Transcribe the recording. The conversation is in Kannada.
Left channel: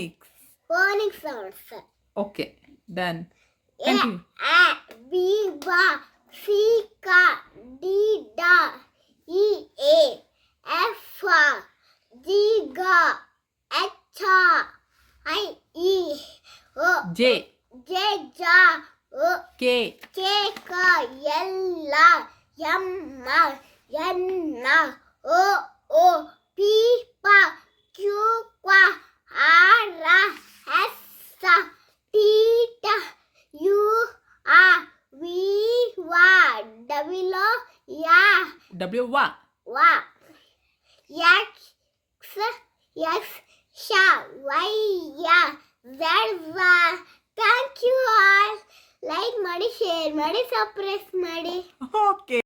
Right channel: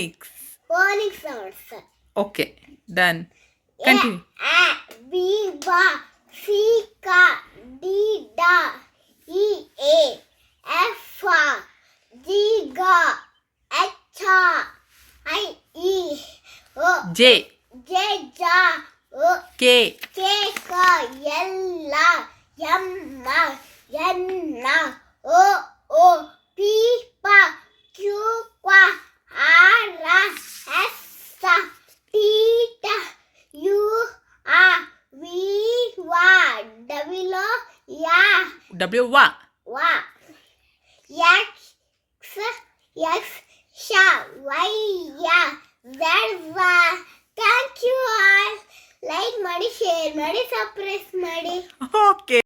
Phonics. Phonics sounds. Okay, done. Continue. A, B, B, C, K, D, D, E, A, F, G, G, H, I, E, O, J, J, J, O, K, K, K, L, M, N, O, O, P, P, Q, Q, R, S, T, T, U, R, V, W, Y, W ವಾ. X, X, Y, Z. Thank you all. Like ಮಾಡಿ, share ಮಾಡಿ, subscribe ಮಾಡಿ. ಓಕೆ.